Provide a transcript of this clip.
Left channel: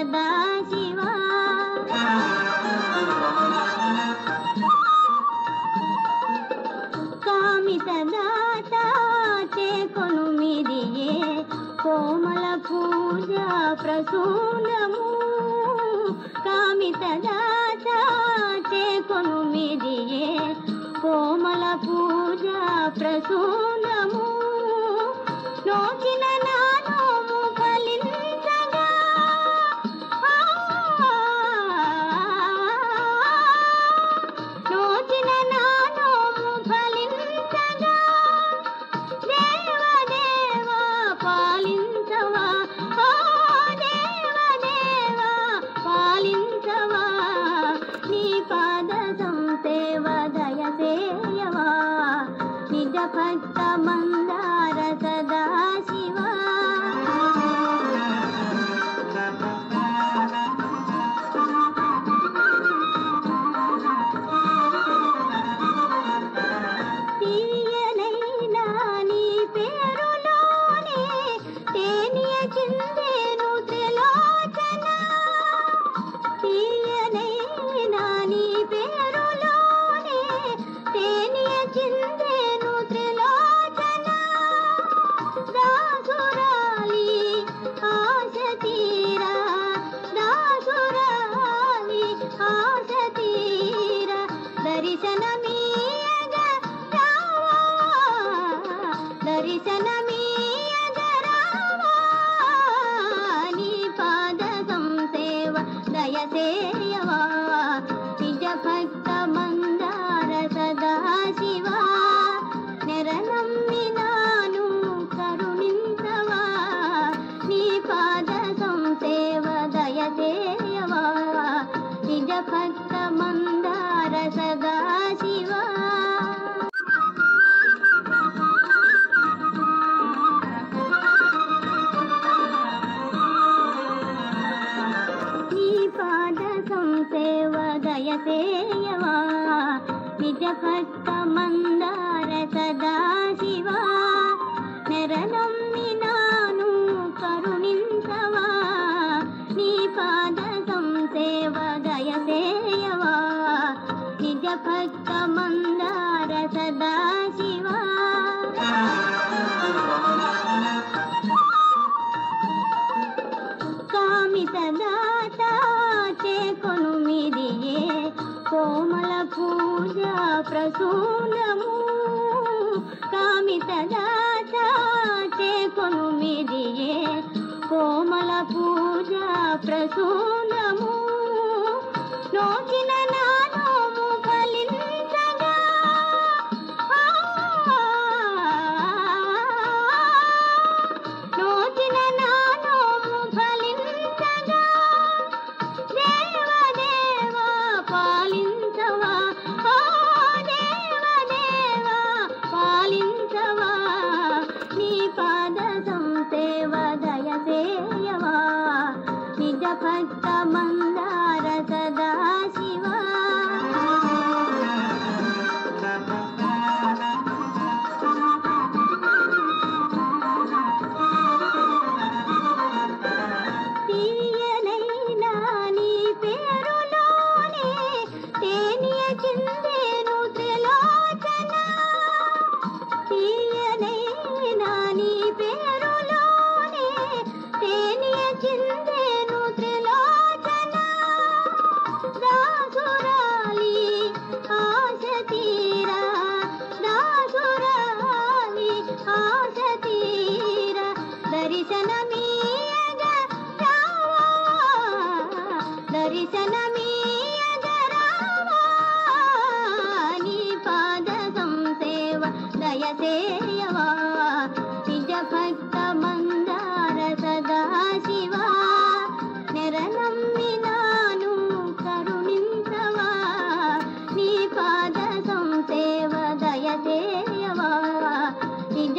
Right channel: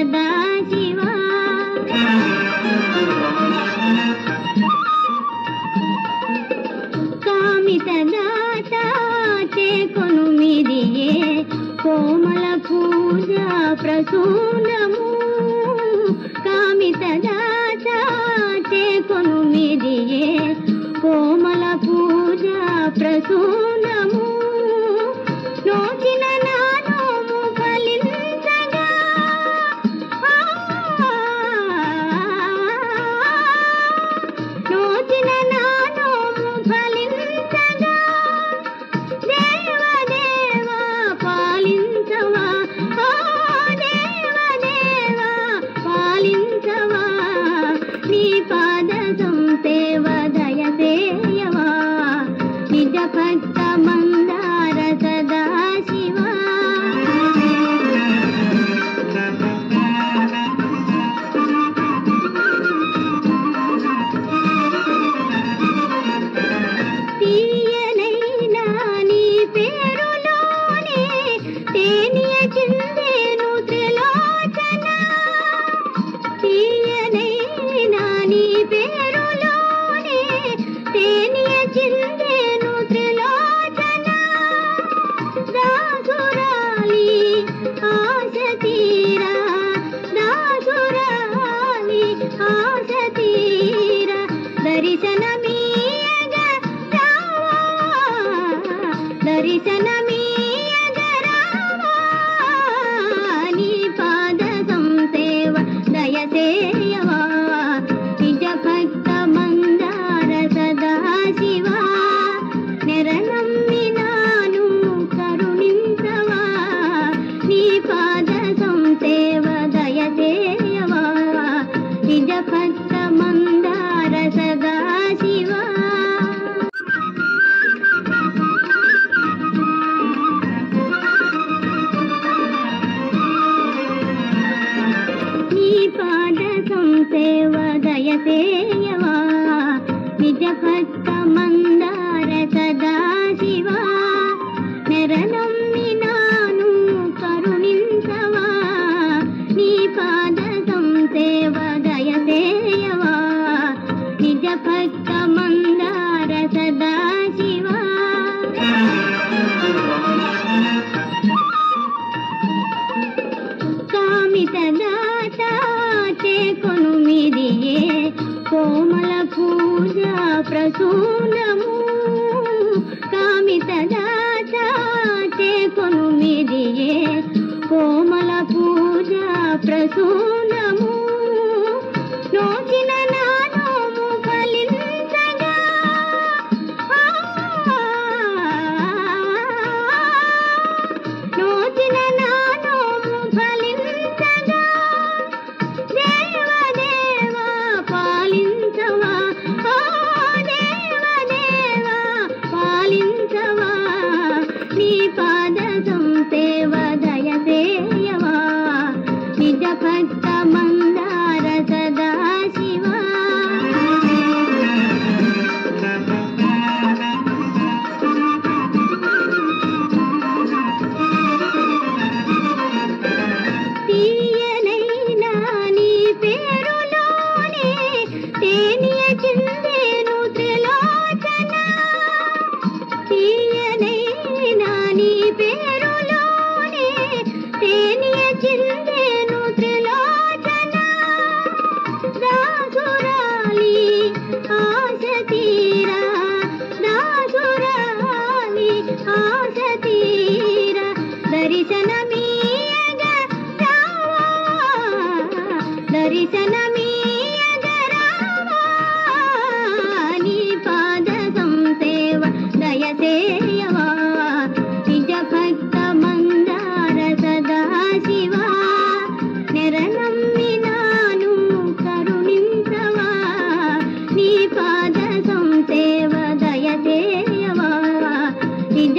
సదా శివ కామితదాత చేకొను మిదియే కోమల పూజ ప్రసూనము కామితదాత చేకొను మిదియే కోమల పూజ ప్రసూనము నోచిన నానోము ఫలించగా నోచిన నానోము ఫలించగా దేవదేవా పాలించవా దేవదేవా పాలించవా నీ పాద సంసేవ దయసేయవా నిజ భక్త మందార సదా శివ తీయనైనా నీ పేరులోనే తేనియ చిందేను త్రిలోచన తీయనైనా నీ పేరులోనే తేనియ చిందేను త్రిలోచన దాసురాలి ఆశ తీరా దాసురాలి ఆశ తీరా దర్శనమీయగ రావా దర్శనమీయగ రావా నీ పాద సంసేవ దయసేయవా నిజ భక్త మందార సదా శివ నెరనమ్మినాను కరుణించవా నీ పాద సంసేవ దయసేయవా నిజ భక్త మందార సదా శివ నీ పాద సంసేవ దయసేయవా నిజ భక్త మందార సదా శివ నెరనమ్మినాను కరుణించవా నీ పాద సంసేవ దయసేయవా నిజ భక్త మందార సదా శివ కామితదాత చేకొను మిదియే కోమల పూజ ప్రసూనము కామితదాత చేకొను మిదియే కోమల పూజ ప్రసూనము నోచిన నానోము ఫలించగా నోచిన నానోము ఫలించగా దేవదేవా పాలించవా దేవదేవా పాలించవా నీ పాద సంసేవ దయసేయవా నిజ భక్త మందార సదా శివ తీయనైనా నీ పేరులోనే తేనియ చిందేను త్రిలోచన తీయనైనా నీ పేరులోనే తేనియ చిందేను త్రిలోచన దాసురాలి ఆశ తీరా దాసురాలి ఆశ తీరా దర్శనమీయగ రావా దర్శనమీయగ రావా నీ పాద సంసేవ దయసేయవా నిజ భక్త మందార సదా శివ నెరనమ్మినాను కరుణించవా నీ పాద సంసేవ దయసేయవా నిజ